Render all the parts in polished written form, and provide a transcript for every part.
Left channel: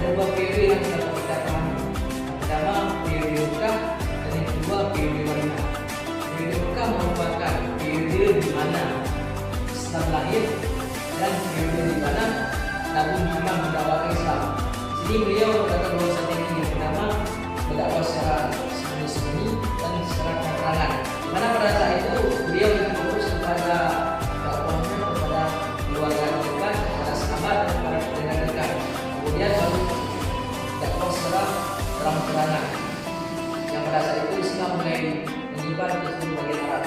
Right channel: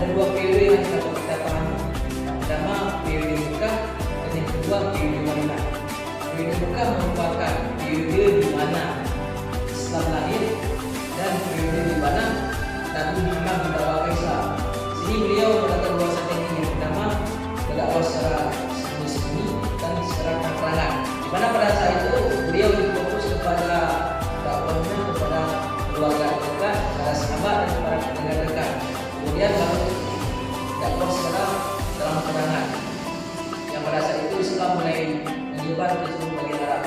ada dua periode yang dapat kita pahami. Yang pertama periode Mekah dan yang kedua periode Madinah. Periode Mekah merupakan periode di mana Islam lahir dan periode di mana Nabi Muhammad mendakwakan Islam. Sini beliau mengatakan bahwa teknik yang pertama berdakwah secara sembunyi dan secara terang-terangan. Di mana pada saat itu beliau berfokus kepada dakwahnya kepada keluarga dekat, kepada sahabat dan kepada pendengar dekat. Kemudian baru dakwah secara terang-terangan. Yang pada saat itu Islam mulai menyebar ke seluruh bagian Arab.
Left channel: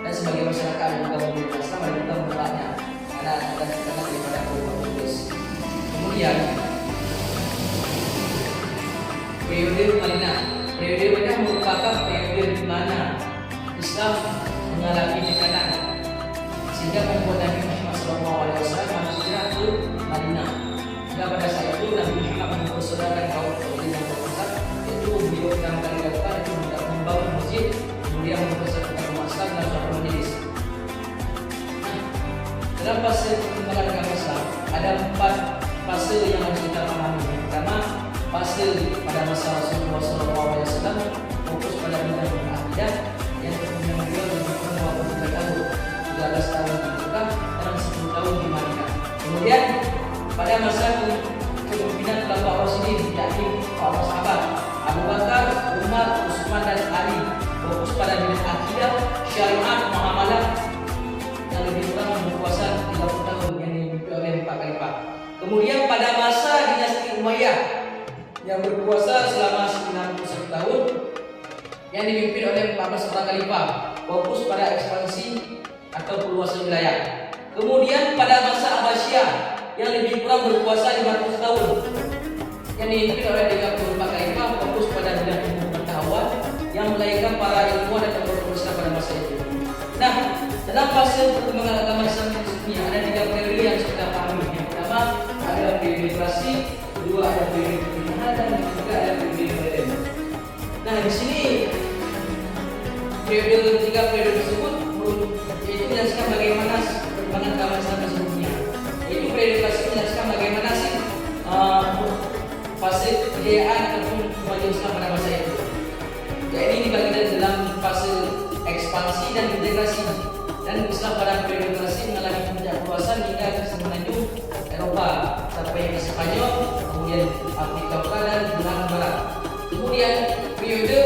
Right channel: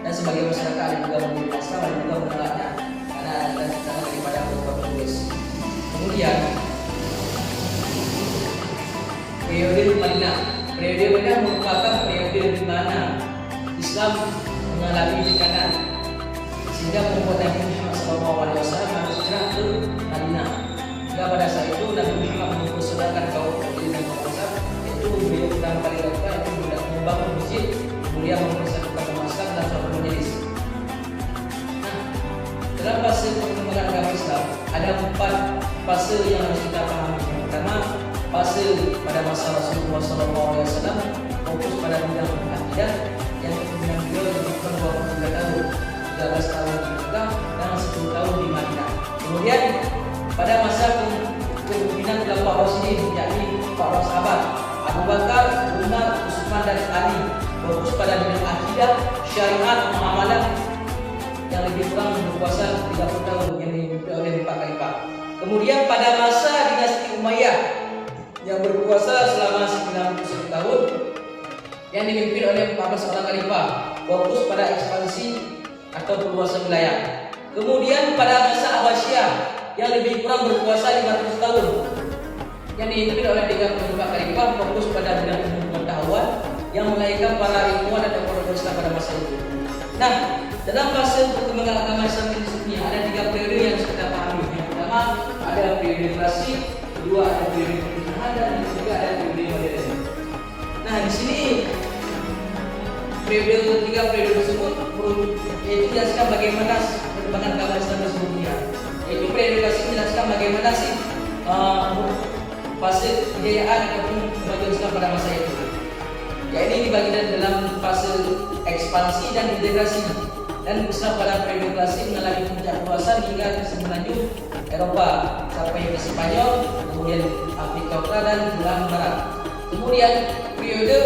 Dan sebagai masyarakat ada juga memeluk Islam, ada juga menolaknya karena ada tekanan daripada kaum Inggris. Kemudian periode Madinah. Periode Madinah merupakan periode di mana Islam mengalami tekanan sehingga membuat Nabi Muhammad SAW harus hijrah ke Madinah. Hingga pada saat itu Nabi Muhammad mempersaudarakan kaum Quraisy dan Ansar, yaitu beliau pertama kali lakukan itu membangun masjid, kemudian mempersatukan umat Islam dalam suatu majelis. Dalam fase perkembangan agama Islam ada 4 fase yang harus kita pahami. Pertama, fase pada masa Rasulullah SAW fokus pada bidang akidah yang kemudian beliau melakukan 23 tahun, 13 tahun di Mekah dan 10 tahun di Madinah. Kemudian pada masa kepemimpinan Khulafaur Rasyidin, yakni para sahabat Abu Bakar, Umar, Utsman dan Ali, fokus pada bidang akidah, syariat, muamalah yang lebih kurang berkuasa 30 tahun yang dipimpin oleh 4 khalifah. Kemudian pada masa dinasti Umayyah yang berkuasa selama 91 tahun yang dipimpin oleh 14 orang khalifah, fokus pada ekspansi atau perluasan wilayah. Kemudian pada masa Abbasiyah yang lebih kurang berkuasa 500 tahun yang dipimpin oleh 34 khalifah, fokus pada bidang ilmu pengetahuan yang melahirkan para ilmuwan dan tokoh Islam pada masa itu. Nah, dalam fase perkembangan agama Islam di dunia ada 3 periode yang kita pahami. Yang pertama ada periode klasik, kedua ada periode pertengahan, dan ketiga ada periode modern. Nah, di sini tiga periode tersebut yaitu menjelaskan bagaimana perkembangan agama Islam di seluruh dunia. Yaitu periode klasik menjelaskan bagaimana sih fase kejayaan ataupun kemajuan Islam pada masa itu. Ya, ini dibagi dalam fase ekspansi dan integrasi. Dan Islam pada periode klasik mengalami puncak perluasan hingga semenanjung Eropa sampai ke Spanyol, kemudian Afrika Utara dan belahan barat. Kemudian periode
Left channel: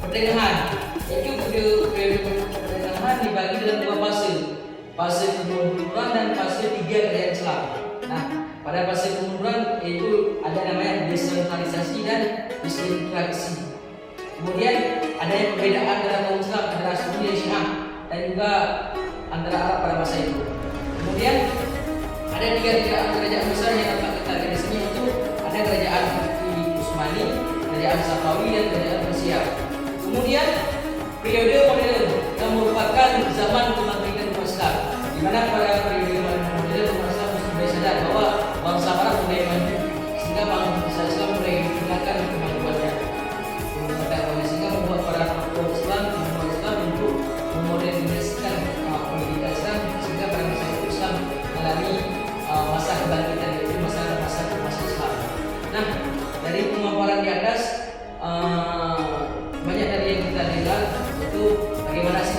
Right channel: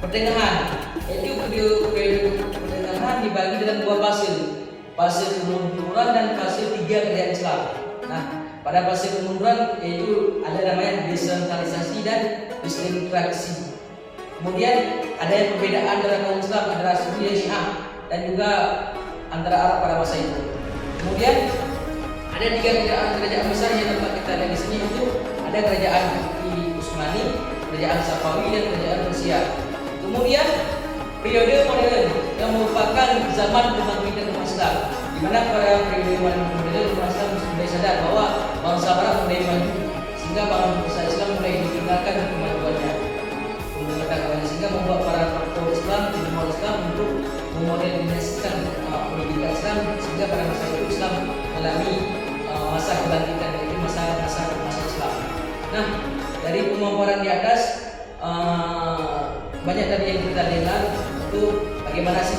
pertengahan, yaitu periode pertengahan dibagi dalam 2 fase, fase kemunduran dan fase 3 kerajaan Islam. Nah, pada fase kemunduran yaitu ada namanya desentralisasi dan disintegrasi. Kemudian ada perbedaan antara kaum Islam adalah Sunni dan Syiah dan juga antara Arab pada masa itu. Kemudian ada 3 kerajaan besar yang dapat kita lihat di sini, itu ada kerajaan Utsmani, kerajaan Safawi dan kerajaan Persia. Kemudian periode modern yang merupakan zaman kebangkitan umat Islam, di mana pada periode modern umat Islam sudah sadar bahwa bangsa Arab mulai maju sehingga bangsa Islam mulai ditinggalkan kemajuannya, sehingga membuat para tokoh Islam, umat Islam untuk memodernisasikan pendidikan Islam sehingga pada masa itu Islam mengalami masa kebangkitan, yaitu masa Islam. Nah, dari pemaparan di atas banyak tadi yang kita dengar itu bagaimana sih